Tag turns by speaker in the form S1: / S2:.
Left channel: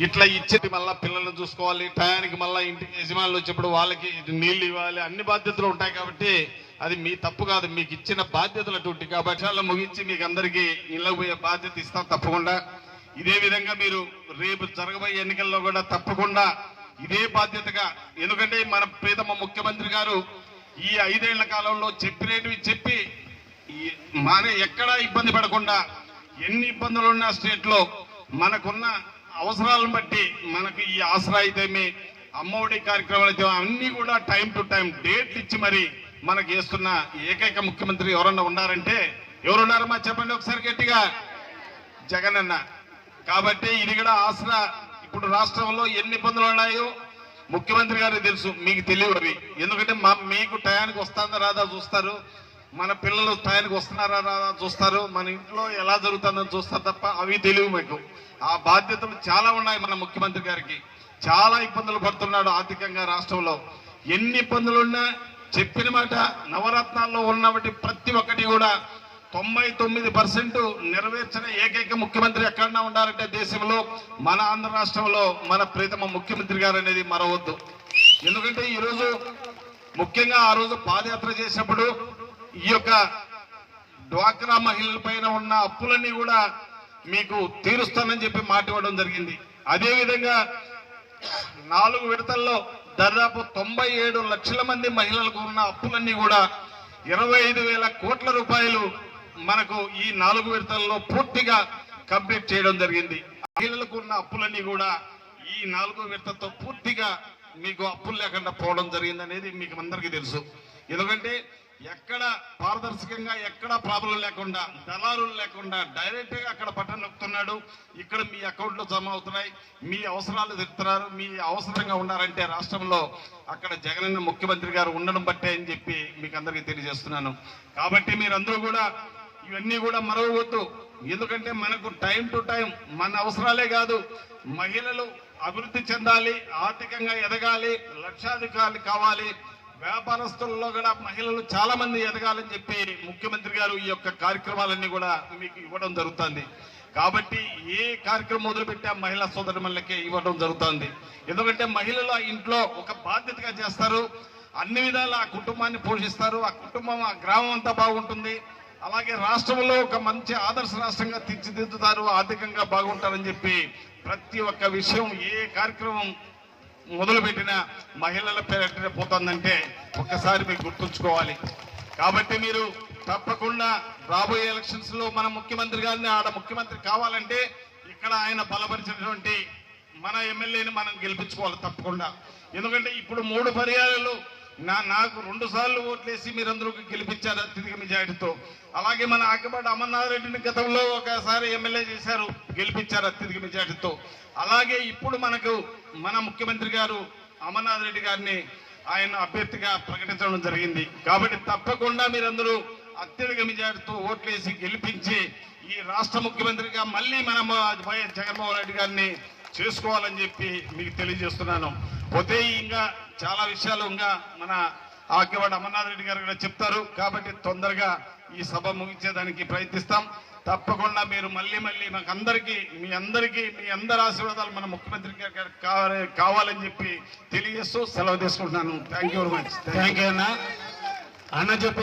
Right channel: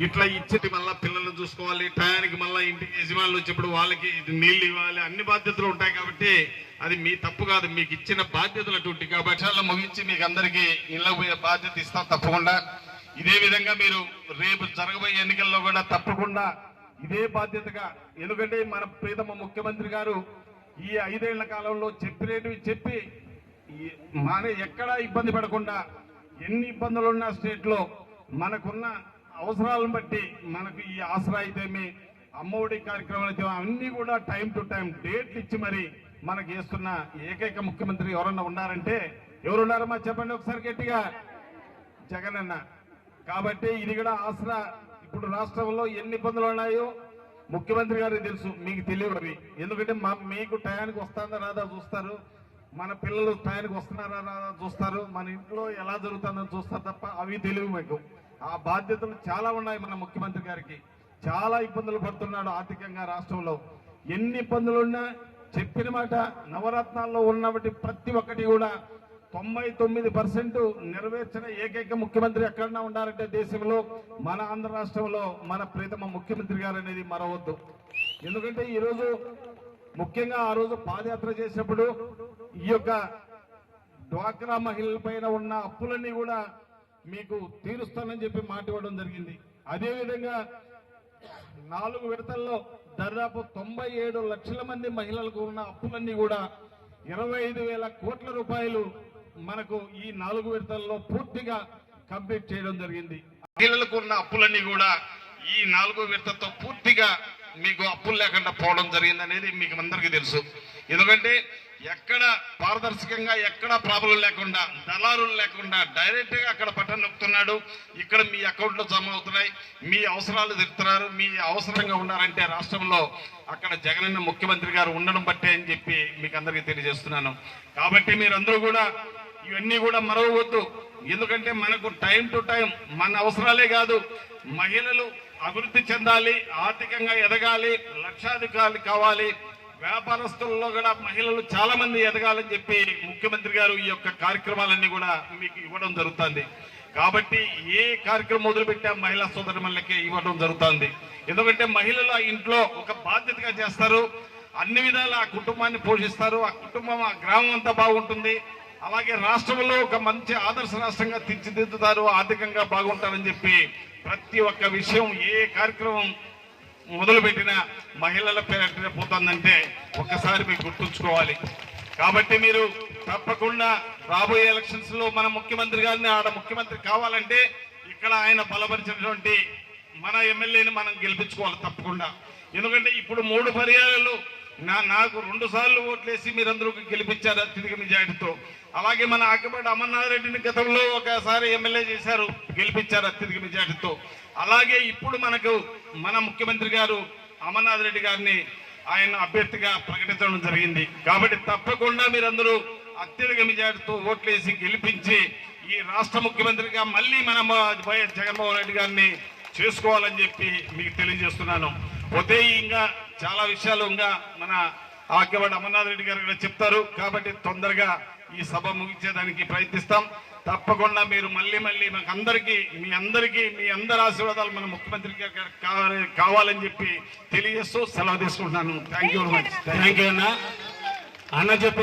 S1: ఇట్లా ఇచ్చేది మళ్ళీ పిల్లల్ని చూసుకోవాలి టయానికి మళ్ళీ ఇంటి యజమానులు వచ్చేప్పుడు వాళ్ళకి నీళ్ళు ఇవ్వాలి అన్ని బాధ్యతలు ఉంటాయి కాబట్టి అది మీ తప్పు కాదు మీకు ఇచ్చిన బాధ్యతలు అటువంటి కాబట్టి ముగించి మీకు అందరికీ ఇళ్ళకు పోయే బాధ్యత ఇస్తాం తప్పకుండా. ఇదే విధంగా మీరు రేపు జరగబోయే ఎన్నికల్లో కూడా తప్పకుండా ఇదే బాధ్యతగా ఎందుకంటే మన ప్రీతమ ముఖ్యమంత్రి గారు ఈ ఐదేళ్ళ కాలంలో చెప్పినవి చెప్పి మానే ఎక్కడా ఇబ్బంది పడకుండా ఎన్ని ఇబ్బందులు ఉన్నా స్టేట్లో మనకున్న అవసరాలను బట్టి మనకు ఈ ఆసరా అయితేమి అమ్మఒడి కార్యక్రమాలు అయితే అన్ని కూడా టైం టు టైం డేట్లు ఇచ్చి మరి మనకి చేస్తున్న ఏకైక ముఖ్యమంత్రి ఎవరన్నా ఉన్నారంటే ఎవరున్నారమ్మా చెప్పండి ఒకసారి గట్టిగా. జగన్ అన్న. కాబట్టి ఇది కూడా ఆసరా. ఇప్పుడు రాష్ట్రంలో ఎన్ని ఇబ్బందులు ఉన్నాయో ముఖ్యమంత్రి గారికి తెలుసు మీకు తెలియవు అవి. ఎందుకంటే మా మీకు టయానికి వస్తుందా రాదా చూస్తారు. మన పిల్లలు టయానికి వస్తున్నారా రాదా చూస్తారు. మన ఇంట్లో ఎలా జరుగుతుందని చూస్తారు తప్ప అవి తెలియవు మీకు. ఆ బాధ్యతలు చాలా ఉన్నాయి మన ముఖ్యమంత్రి గారికి. చాలా ఇబ్బందులు పడుతున్నాడు ఆర్థికంగా రాష్ట్రంలో. ఎన్ని ఇబ్బందులున్నా చెప్పిన మాట నవరత్నాల్లో ఉన్నవి ప్రతి ఒక్కటి కూడా తొంభై తొమ్మిది పర్సెంట్ నెరవేర్చిన ఏకైక ముఖ్యమంత్రి ఎక్కడన్నా ఉండాలంటే దేశంలో మన ఆంధ్ర రాష్ట్రంలో మన ప్రీతమ ముఖ్యమంత్రి గారు అనేది మరవద్దు. ఎందుకంటే ఈరోజు ముఖ్యంగా ఆ రోజు పాదయాత్ర చేసినప్పుడు ఈ యొక్క డ్వాక్రా మహిళల పైన ఉన్న అప్పులన్నీ కూడా మీకు తీరుస్తానని చెప్పి మాట ఇవ్వడం జరిగింది. అదేవిధంగా నాలుగు విడతల్లో దాదాపు తొంభై ఏడు లక్షల మంది మహిళలకు ఉన్న అప్పులన్నీ కూడా ఇరవై ఐదు వేల కోట్ల రూపాయలు మనకు ఈ నాలుగు విడతల్లో పూర్తిగా కంప్లీట్ చేయడం జరిగింది. మహిళలకు ఉన్న అప్పులన్నీ కూడా ఈ నాలుగు విడతతో పూర్తిగా మీకు అప్పులు లేకుండా పోవడం జరిగిందనేది మీకు అందరికీ తెలుసు. ఎందుకంటే ఎక్కడ పారదర్శకంగా ఎక్కడ ప్రాబ్లం లేకుండా దళారులు లేకుండా డైరెక్ట్గా అక్కడ బటన్ నొక్కుతున్నాడు. ఇక్కడ మీ అకౌంట్లో జమ అవుతున్నాయి. మీ అవసరాలు చెప్తున్నారు మీ అవసరంగా ఉన్నారంటే రాష్ట్రంలో అక్కడ జగనన్న ముఖ్యమంత్రి గారు ఉండడం బట్టే అని చెప్పి మీకు అందరికీ తెలియజేస్తున్నాను. కాబట్టి మీరందరూ కూడా ఇవన్నీ కూడా మరవద్దు ఎందుకంటే మనకు టైం టు టైం మన అవసరాలే కాదు. మహిళలు అభివృద్ధి చెందాలి ఆర్థికంగా ఎదగాలి లక్షాధికారులు కావాలి. వ్యాపారస్తుల్లో కూడా మహిళలు చాలా మంది ఎదగాలని చెప్పి ముఖ్యమంత్రి గారు ఈ యొక్క కార్యక్రమాలన్నీ కూడా మీకు ఇవ్వడం జరుగుతుంది. కాబట్టి ఏ కార్యక్రమం మొదలుపెట్టా మహిళా సోదరులకి ఇవ్వడం జరుగుతుంది. ఎందుకంటే మహిళలు ఆ ఇంట్లో ఒక బాధ్యతగా చేస్తారు. అన్ని విధాల ఆ కుటుంబాన్ని పోషిస్తారు. ఆ కుటుంబం ఆ గ్రామం అంతా బాగుంటుంది. అలాగే రాష్ట్రంలో ఒక మంచి ఆదర్శ రాష్ట్రంగా తీర్చిదిద్దుతారు ఆర్థికంగా బాగుంటారని చెప్పి ప్రతి ఒక్క విషయం ఏ కార్యక్రమం మొదలుపెట్టిన మహిళల పేరిట పోతుందంటే ఒక్కసారి మీరు గుర్తుంచుకోవాలి. కాబట్టి మీరు తప్పకుండా రాబోయే ఎలక్షన్స్లో మన ముఖ్యమంత్రి గారిని ఆడ ముఖ్యమంత్రి కావాలంటే ఇక్కడ ఆయన బలపరిచినటువంటి మన ఎమ్మెల్యేని మనం గెలిపించుకోవాలి తప్పకుండా. ఎందుకంటే ఇప్పుడు మూడు పర్యాలలో నా నాకు రెండు సార్లు ఓట్లేసి మీరందరూ గెలిపించారు అత్యధిక మెజార్టీతో. అలాగే మన ఆకపాటి అమర్నాథ్ రెడ్డిని గతంలో ఒకసారి ఎమ్మెల్యే చేశారు గెలిపించారు అత్యధిక మెజార్టీతో. అలాగే ఇప్పుడు మనకు మన ముఖ్యమంత్రి గారు అమర్నాథ్ రెడ్డి గారిని ఆయన అభ్యర్థిగా ప్రకటించడం జరిగింది. కాబట్టి తప్పకుండా మీరందరూ అత్యధిక మెజార్టీతో ఓట్లేసి గెలిపించి ఈ రాష్ట్ర ముఖ్యమంత్రిగా మళ్ళీ మనం వైఎస్ జగన్మోహన్ రెడ్డి గారిని చేసుకోవాలని చెప్పి మీకు తెలియజేస్తున్నాను. పోతే ఇంకా చాలా విషయాలు ఇంకా మన ఆకేవాడు అమర్నాథ్ రెడ్డి గారు కూడా చెప్తారు. కాబట్టి తొందరగా ఈ సభ ముగించేదానికి ప్రయత్నిస్తాం. తప్పకుండా మీరు మళ్ళీ మళ్ళీ మాకు అందరికీ మీ అందరికీ మీ అందరి ఆశీర్వాదాలు మన ముఖ్యమంత్రి గారు కావాలని చెప్పి తెలియజేస్తూ సెలవు తీసుకుంటున్నాను. Thank you very much
S2: thank you అన్న. అన్న చెప్పి